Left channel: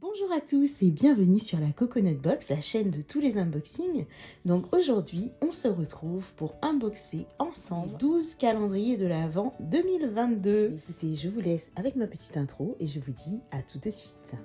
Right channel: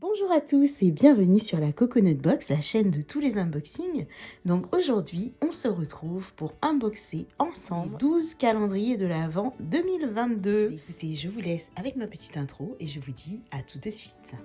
Bonjour à tous et bienvenue sur la Coconut Box, la chaîne de tous les unboxings. Donc aujourd'hui, on se retrouve pour unboxer ensemble les 12 calendriers de l'Avent 2022. Écoutez, je vous laisse avec ma petite intro et je vous dis à tout de suite.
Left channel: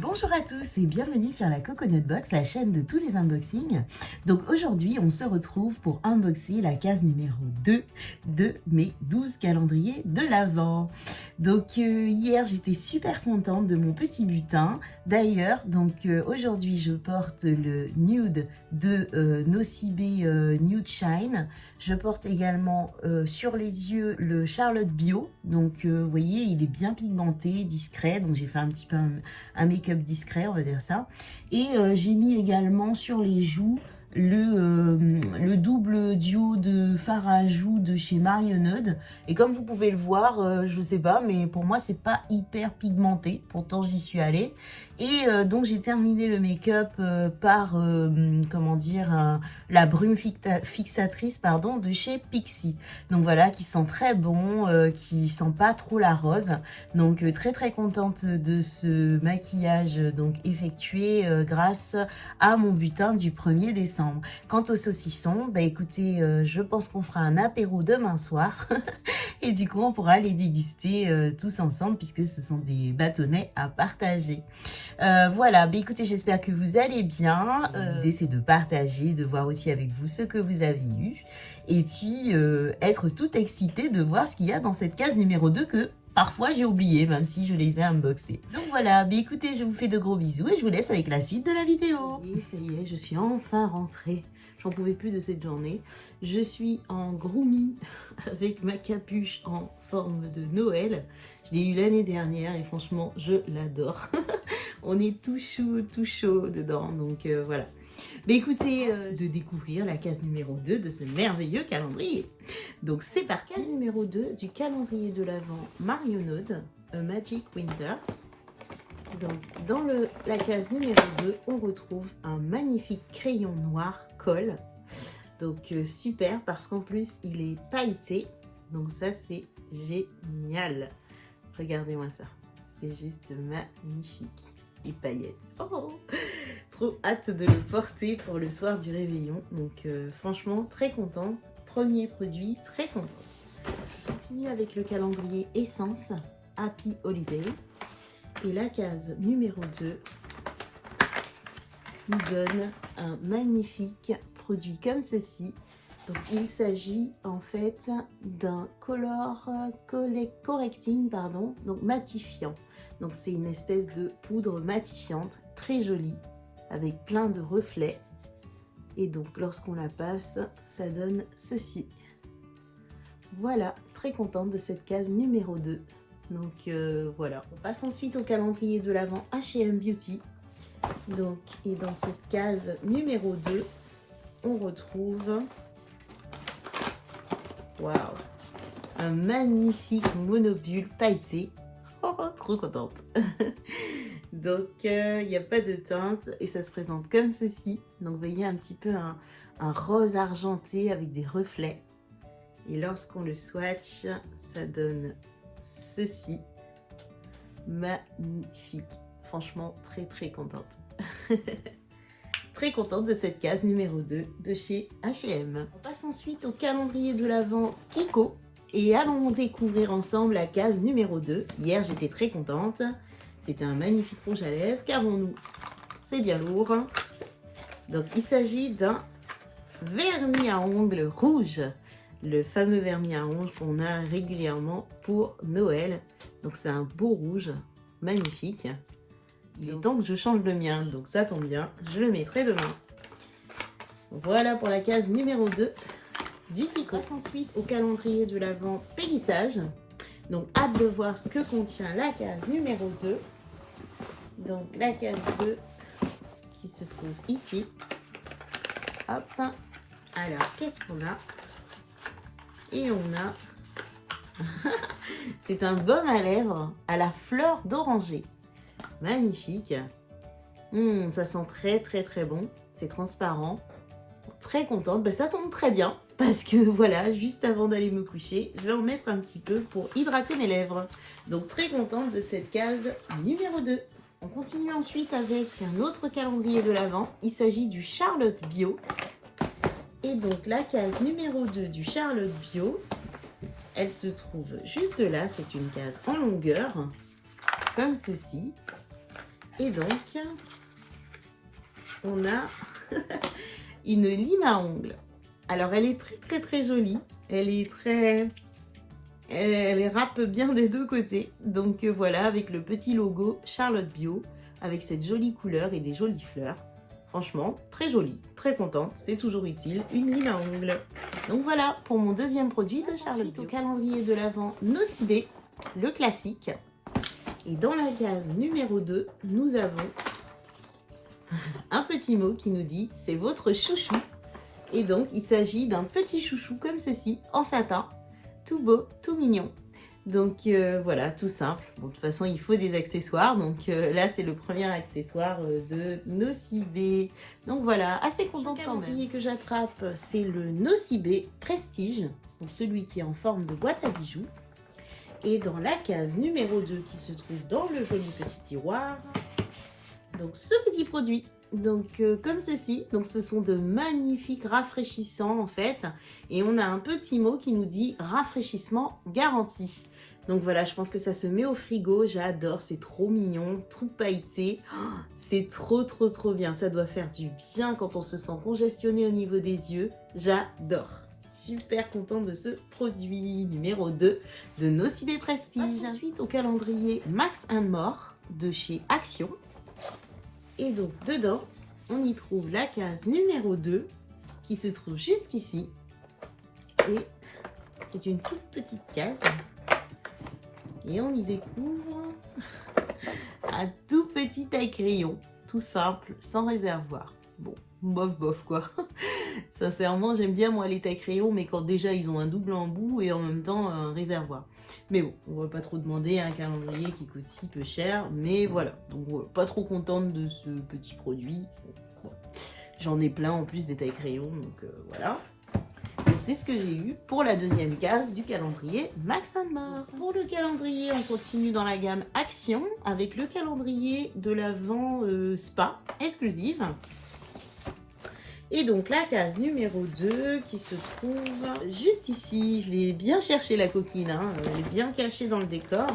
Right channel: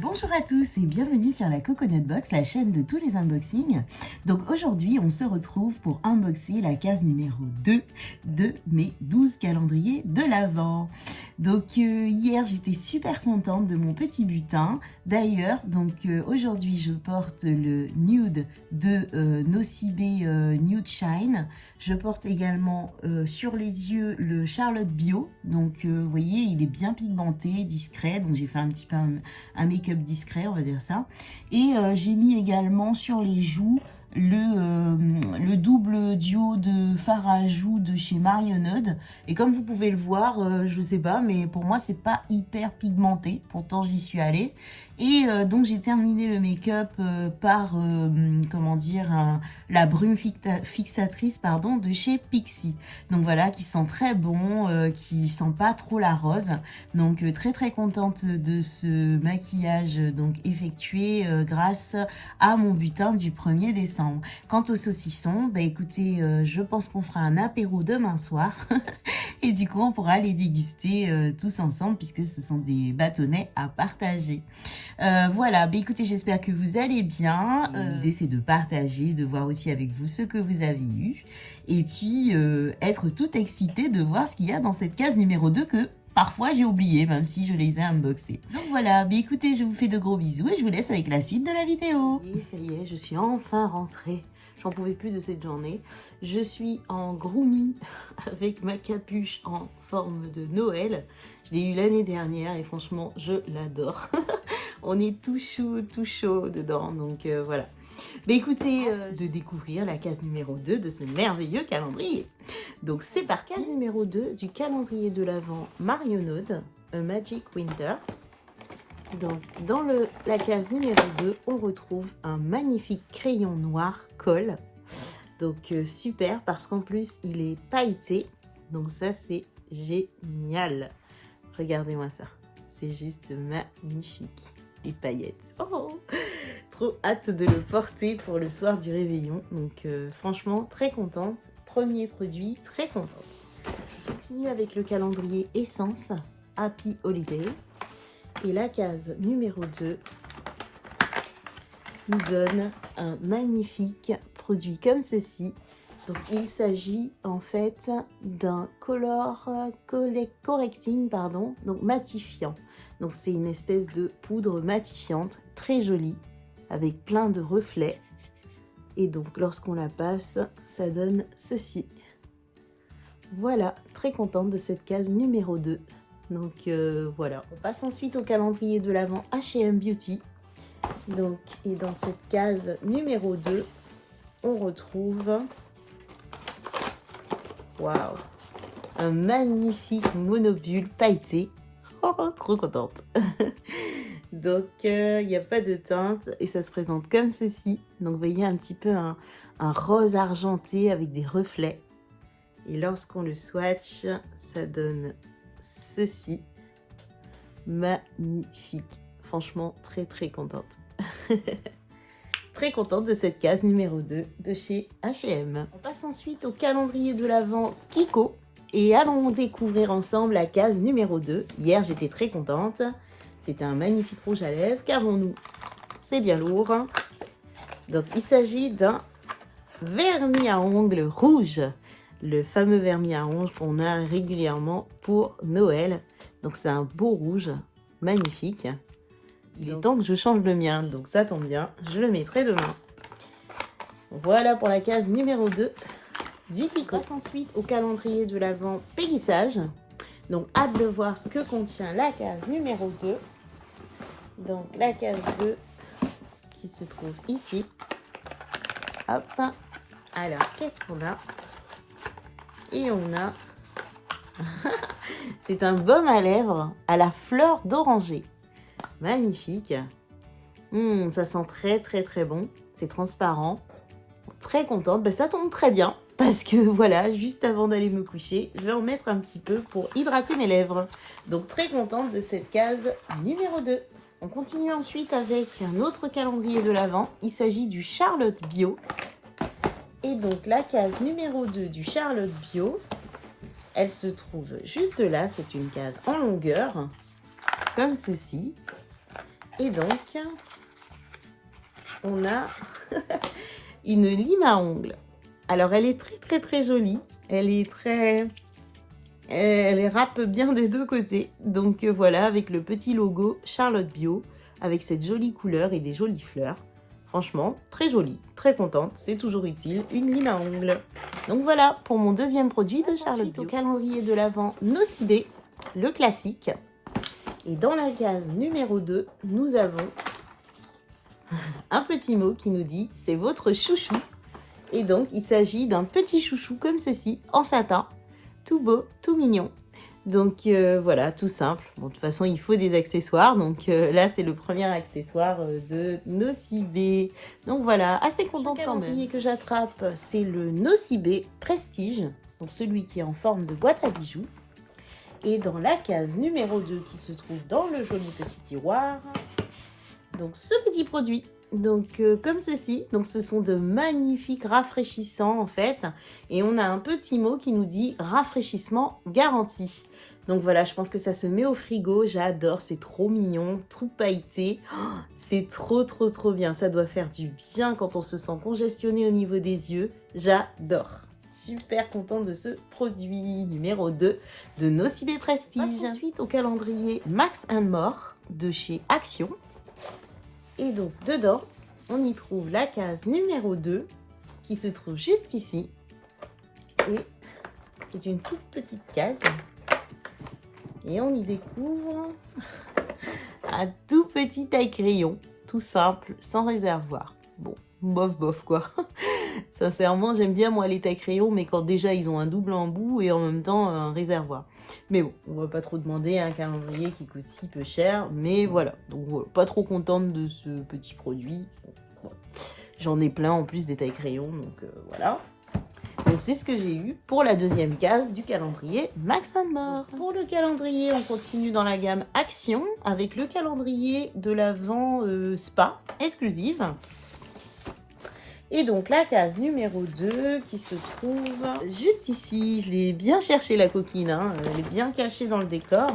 Bonjour à tous et bienvenue sur la Coconut Box, la chaîne de tous les unboxings. Donc aujourd'hui, on se retrouve pour unboxer la case numéro 2 de mes 12 calendriers de l'Avent. Donc hier, j'étais super contente de mon petit butin. D'ailleurs, aujourd'hui, je porte le Nude de Nocibé Nude Shine. Je porte également sur les yeux le Charlotte Bio. Donc vous voyez, il est bien pigmenté, discret. Donc j'ai fait un petit peu un make-up discret, on va dire ça. Et j'ai mis également sur les joues le double duo de fard à joues de chez Marionneud. Et comme vous pouvez le voir, je sais pas, mais pour moi c'est pas hyper pigmenté, pourtant j'y suis allée. Et donc j'ai terminé le make-up par comment dire, la brume fixatrice pardon, de chez Pixi. Donc voilà, qui sent très bon, qui sent pas trop la rose. Donc très contente de ce maquillage donc effectué grâce à mon butin du 1er décembre. Quant au saucisson, bah écoutez, je pense qu'on fera un apéro demain soir et du coup on pourra les déguster tous ensemble puisque ce sont des bâtonnets à partager. Voilà, bah écoutez, j'espère que vous allez bien. L'idée c'est de partager, de voir aussi avec vous ce que vous avez eu et puis être toute excitée de voir ce qu'il y a dans cette case numéro 2 que parfois j'ai oublié, même si je les ai unboxés. Donc voilà, bah écoutez, je vous fais de gros bisous et je vous laisse avec la suite de la vidéo. Oui, ça y est, je suis enfin rentrée. J'en pouvais plus de cette journée. Je suis en grooming avec ma capuche en forme de Noël. Je l'ai eu l'année dernière et franchement, je l'adore. On est tout chaud dedans, donc voilà. Mais écoutez, de découvrir la case numéro 2 de ce merveilleux calendrier. Donc c'est parti. Case numéro 2 du calendrier de l'Avent Marionneud, A Magic Winter. Donc dans la case numéro 2, on retrouve un magnifique crayon noir colle. Donc super parce qu'en plus il est pailleté. Donc ça c'est génial. Regardez-moi ça. C'est juste magnifique. Et paillettes. Oh, trop hâte de le porter pour le soir du réveillon. Donc franchement très contente. Premier produit, très contente. Je continue avec le calendrier Essence Happy Holiday. Et la case numéro 2 nous donne un magnifique produit comme ceci. Donc il s'agit en fait d'un color correcting, pardon, donc matifiant. Donc c'est une espèce de poudre matifiante très jolie avec plein de reflets. Et donc lorsqu'on la passe, ça donne ceci. Voilà, très contente de cette case numéro 2. Donc voilà, on passe ensuite au calendrier de l'Avent H&M Beauty. Donc, et dans cette case numéro 2, on retrouve waouh, un magnifique monobule pailleté. Oh, trop contente. Donc il n'y a pas de teinte et ça se présente comme ceci. Donc vous voyez un petit peu un rose argenté avec des reflets. Et lorsqu'on le swatch, ça donne ceci. Magnifique. Franchement très contente. Très contente de cette case numéro 2 de chez H&M. On passe ensuite au calendrier de l'Avent Kiko. Et allons découvrir ensemble la case numéro 2. Hier, j'étais très contente. C'était un magnifique rouge à lèvres. Qu'avons-nous? C'est bien lourd. Donc, il s'agit d'un vernis à ongles rouge. Le fameux vernis à ongles qu'on a régulièrement pour Noël. Donc, c'est un beau rouge. Magnifique. Il est temps que je change le mien. Donc, ça tombe bien. Je le mettrai demain. Voilà pour la case numéro 2. Du Kiko. On passe ensuite au calendrier de l'Avent Pélissage. Donc, hâte de voir ce que contient la case numéro 2. Donc, la case 2 qui se trouve ici. Hop. Alors, qu'est-ce qu'on a? Et on a... C'est un baume à lèvres à la fleur d'oranger. Magnifique. Ça sent très bon. c'est transparent. Très contente, ça tombe très bien parce que voilà, juste avant d'aller me coucher, je vais en mettre un petit peu pour hydrater mes lèvres. Donc très contente de cette case numéro 2. On continue ensuite avec un autre calendrier de l'Avent. Il s'agit du Charlotte Bio. Et donc la case numéro 2 du Charlotte Bio, elle se trouve juste là. C'est une case en longueur, comme ceci. Et donc, on a une lime à ongles. Alors, elle est très jolie. Elle râpe bien des deux côtés. Donc voilà, avec le petit logo Charlotte Bio, avec cette jolie couleur et des jolies fleurs. Franchement, très jolie, très contente, c'est toujours utile, une lime à ongles. Donc voilà pour mon deuxième produit de Charlotte Bio. Au calendrier de l'Avent Nocibé, le classique. Et dans la case numéro 2, nous avons un petit mot qui nous dit « c'est votre chouchou ». Et donc, il s'agit d'un petit chouchou comme ceci, en satin, tout beau, tout mignon. Donc voilà, tout simple. Bon, de toute façon, il faut des accessoires. Donc là, c'est le premier accessoire de Nocibé. Donc voilà, assez contente quand même. Le calendrier que j'attrape, c'est le Nocibé Prestige. Donc celui qui est en forme de boîte à bijoux. Et dans la case numéro 2 qui se trouve dans le joli petit tiroir, donc ce petit produit. Donc comme ceci, donc ce sont de magnifiques rafraîchissants en fait. Et on a un petit mot qui nous dit rafraîchissement garanti. Donc voilà, je pense que ça se met au frigo, j'adore, c'est trop mignon, tout pailleté. Oh, c'est trop bien, ça doit faire du bien quand on se sent congestionné au niveau des yeux, j'adore. Super contente de ce produit numéro 2 de Nocibé Prestige. Ensuite au calendrier Max & More de chez Action. Et donc dedans, on y trouve la case numéro 2 qui se trouve juste ici. Et c'est une toute petite case. Et on y découvre un tout petit taille-crayon, tout simple, sans réservoir. Bon, bof quoi. Sincèrement, j'aime bien moi les taille-crayons, mais quand déjà ils ont un double embout et en même temps un réservoir. Mais bon, on va pas trop demander un calendrier qui coûte si peu cher, mais voilà. Donc voilà, pas trop contente de ce petit produit. Bon, j'en ai plein en plus des taille-crayons, donc voilà. Donc c'est ce que j'ai eu pour la deuxième case du calendrier Max & More. Pour le calendrier, on continue dans la gamme Action avec le calendrier de l'Avent Spa exclusive. Et donc la case numéro 2 qui se trouve juste ici. Je l'ai bien cherché la coquine, hein. Elle est bien cachée dans le décor.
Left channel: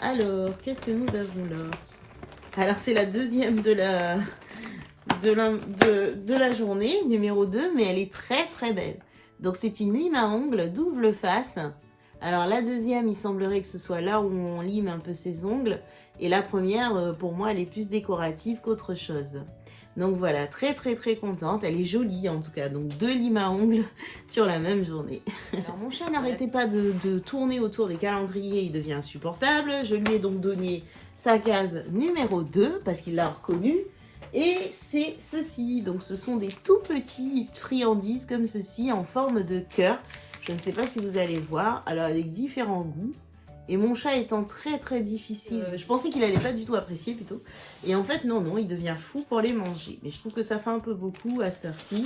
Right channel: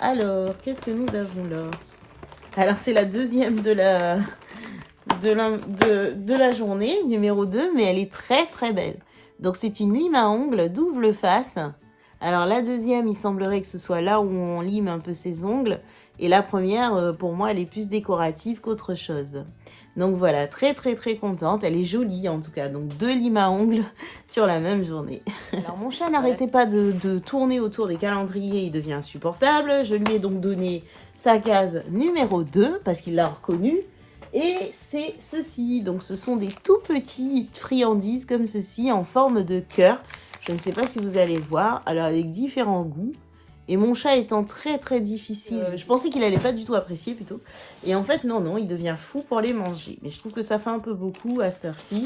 Alors, qu'est-ce que nous avons là? Alors c'est la deuxième de la journée, numéro 2, mais elle est très belle. Donc c'est une lime à ongles double face. Alors la deuxième, il semblerait que ce soit là où on lime un peu ses ongles. Et la première, pour moi, elle est plus décorative qu'autre chose. Donc voilà, très contente. Elle est jolie en tout cas. Donc 2 limes à ongles sur la même journée. Alors mon chat n'arrêtait pas de tourner autour des calendriers. Il devient insupportable. Je lui ai donc donné sa case numéro 2 parce qu'il l'a reconnue. Et c'est ceci. Donc ce sont des tout petits friandises comme ceci en forme de cœur. Je ne sais pas si vous allez voir. Alors avec différents goûts. Et mon chat étant très difficile, je pensais qu'il allait pas du tout apprécier plutôt. Et en fait, non, il devient fou pour les manger. Mais je trouve que ça fait un peu beaucoup à cette heure-ci.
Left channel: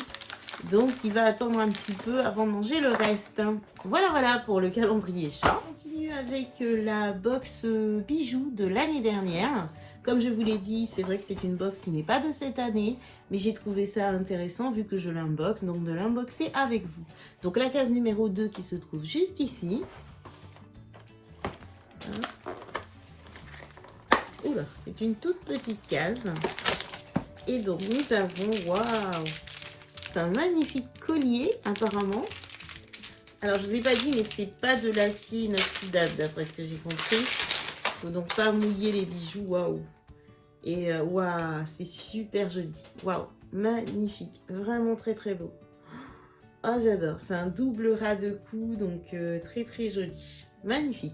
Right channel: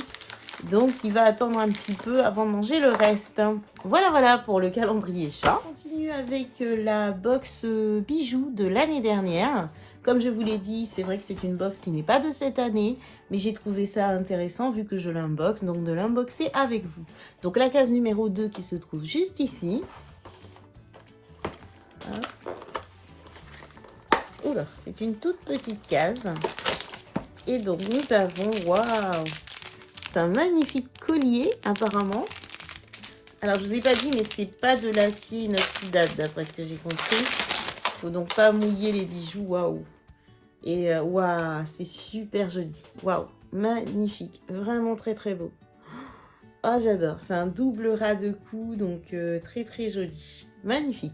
Donc, il va attendre un petit peu avant de manger le reste. Voilà pour le calendrier chat. On continue avec la box bijoux de l'année dernière. Comme je vous l'ai dit, c'est vrai que c'est une box qui n'est pas de cette année. Mais j'ai trouvé ça intéressant vu que je l'unbox. Donc, de l'unboxer avec vous. Donc, la case numéro 2 qui se trouve juste ici. Oula, c'est une toute petite case. Et donc nous avons, waouh, c'est un magnifique collier apparemment. Alors je vous ai pas dit, mais c'est pas de l'acier inoxydable d'après ce que j'ai compris. Faut donc pas mouiller les bijoux, waouh. Et waouh, c'est super joli, waouh, magnifique, vraiment très beau. Oh j'adore, c'est un double ras de cou, donc très joli, magnifique.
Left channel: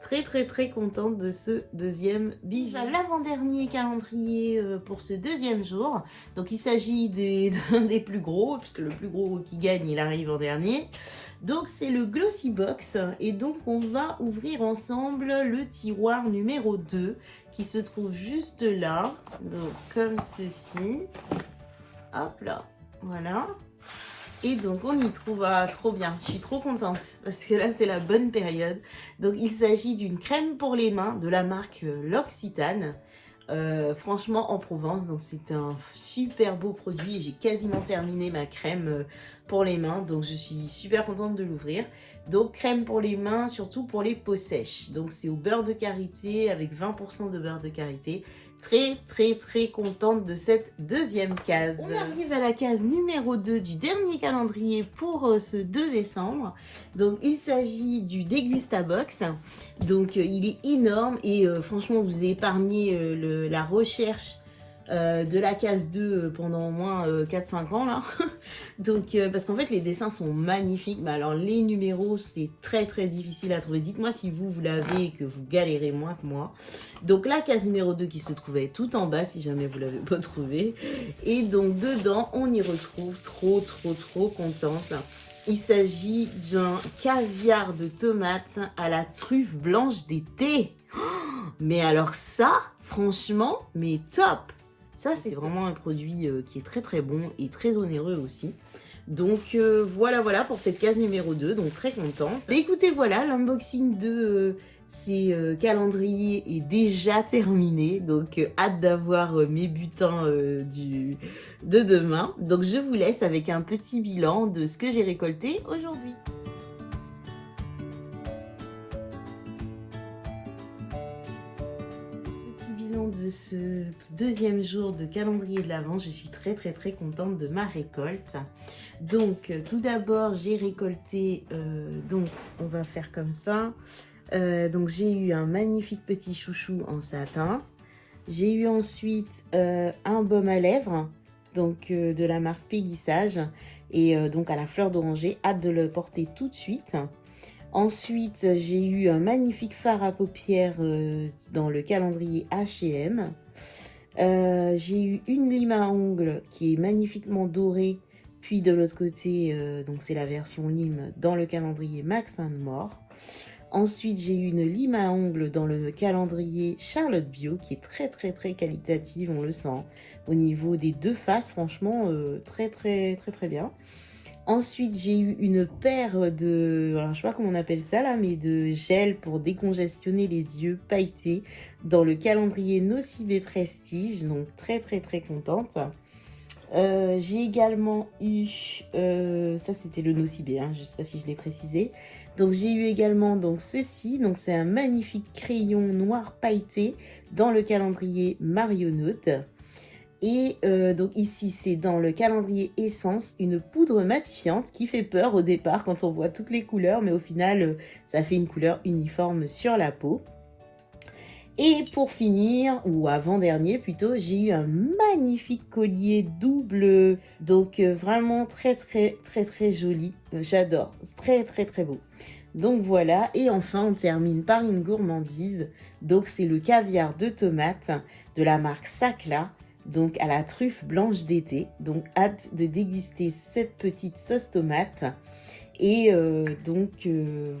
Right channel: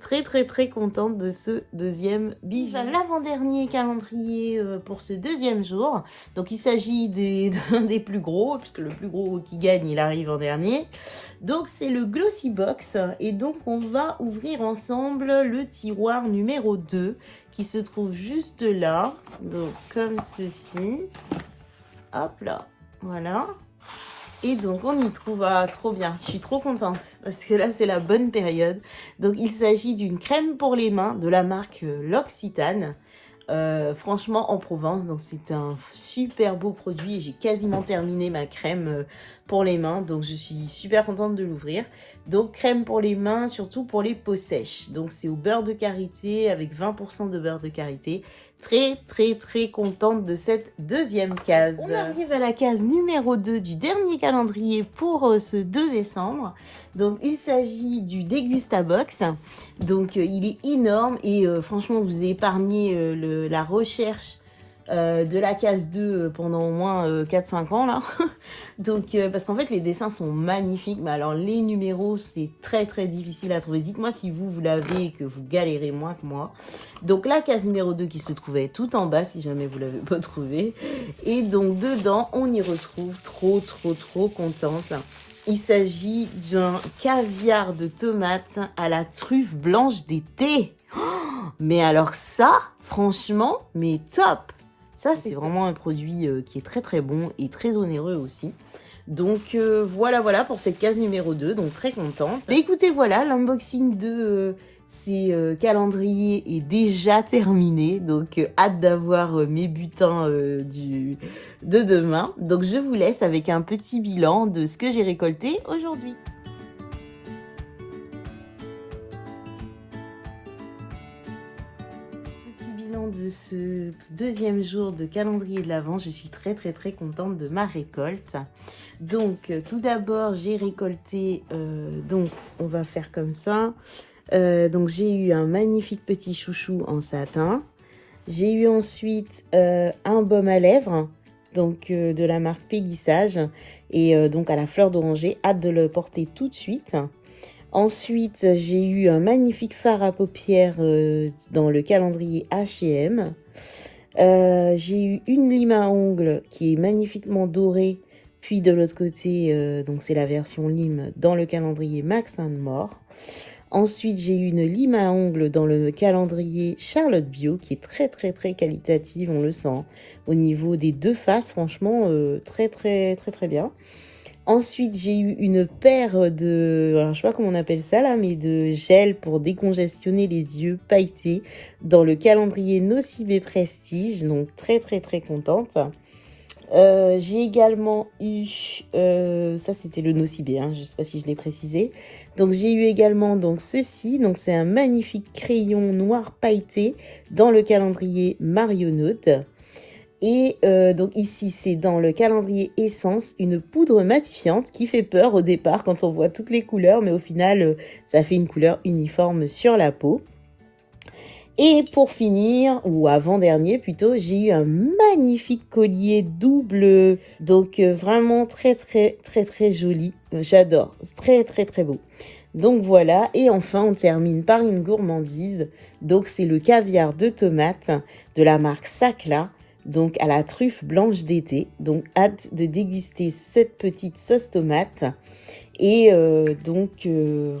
Très contente de ce deuxième bijou. L'avant-dernier calendrier pour ce deuxième jour. Donc il s'agit d'un des plus gros, puisque le plus gros qui gagne, il arrive en dernier. Donc c'est le Glossy Box. Et donc on va ouvrir ensemble le tiroir numéro 2 qui se trouve juste là. Donc comme ceci. Hop là, voilà. Et donc on y trouve, ah, trop bien, je suis trop contente parce que là c'est la bonne période. Donc il s'agit d'une crème pour les mains de la marque L'Occitane. Franchement en Provence, donc c'est un super beau produit et j'ai quasiment terminé ma crème pour les mains, donc je suis super contente de l'ouvrir. Donc crème pour les mains, surtout pour les peaux sèches, donc c'est au beurre de karité avec 20% de beurre de karité. Très contente de cette deuxième case. On arrive à la case numéro 2 du dernier calendrier pour ce 2 décembre. Donc il s'agit du Degustabox. Donc il est énorme et franchement vous épargnez la recherche de la case 2 pendant au moins 4-5 ans là. Donc parce qu'en fait les dessins sont magnifiques, mais alors les numéros c'est très difficile à trouver. Dites-moi si vous l'avez et que vous galérez moins que moi. Donc la case numéro 2 qui se trouvait tout en bas si jamais vous l'avez pas trouvé. Et donc dedans on y retrouve trop contente. Il s'agit d'un caviar de tomate à la truffe blanche d'été. Mais alors ça, franchement, mais top! Ça, c'est vraiment un produit qui est très bon et très onéreux aussi. Donc voilà pour cette case numéro 2, donc très contente. Mais écoutez, voilà, l'unboxing de ces calendriers est déjà terminé. Donc hâte d'avoir mes butins de demain. Donc je vous laisse avec un petit bilan de ce que j'ai récolté aujourd'hui. De ce deuxième jour de calendrier de l'Avent, je suis très contente de ma récolte. Donc tout d'abord j'ai récolté, donc on va faire comme ça, donc j'ai eu un magnifique petit chouchou en satin, j'ai eu ensuite un baume à lèvres, donc de la marque Péguissage, et donc à la fleur d'oranger, hâte de le porter tout de suite. Ensuite, j'ai eu un magnifique fard à paupières dans le calendrier H&M. J'ai eu une lime à ongles qui est magnifiquement dorée. Puis de l'autre côté, donc c'est la version lime dans le calendrier Max & More. Ensuite, j'ai eu une lime à ongles dans le calendrier Charlotte Bio qui est très qualitative, on le sent. Au niveau des deux faces, franchement, très bien. Ensuite, j'ai eu une paire de, alors je sais pas comment on appelle ça là, mais de gel pour décongestionner les yeux pailletés dans le calendrier Nocibé Prestige, donc très contente. J'ai également eu, ça c'était le Nocibé, hein, je sais pas si je l'ai précisé. Donc j'ai eu également donc ceci, donc c'est un magnifique crayon noir pailleté dans le calendrier Marionnaute. Et donc ici, c'est dans le calendrier Essence, une poudre matifiante qui fait peur au départ quand on voit toutes les couleurs, mais au final, ça fait une couleur uniforme sur la peau. Et pour finir, ou avant-dernier plutôt, j'ai eu un magnifique collier double, donc vraiment très joli. J'adore, c'est très beau. Donc voilà, et enfin on termine par une gourmandise. Donc c'est le caviar de tomate de la marque Sacla, donc à la truffe blanche d'été. Donc hâte de déguster cette petite sauce tomate. Et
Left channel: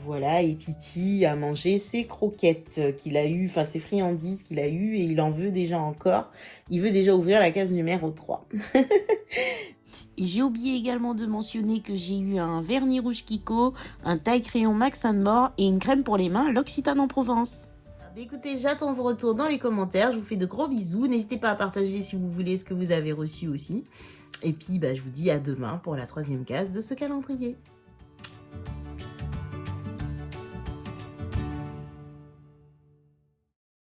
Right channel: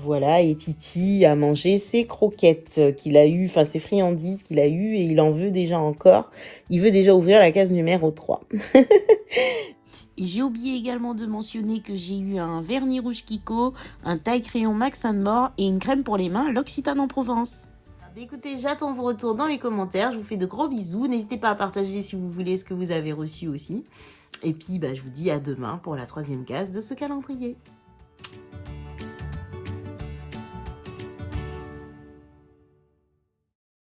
voilà, et Titi a mangé ses croquettes qu'il a eu, enfin ses friandises qu'il a eu, et il en veut déjà encore. Il veut déjà ouvrir la case numéro 3. Et j'ai oublié également de mentionner que j'ai eu un vernis rouge Kiko, un taille crayon Max & More et une crème pour les mains L'Occitane en Provence. Écoutez, j'attends vos retours dans les commentaires. Je vous fais de gros bisous. N'hésitez pas à partager si vous voulez ce que vous avez reçu aussi. Et puis, je vous dis à demain pour la 3e case de ce calendrier.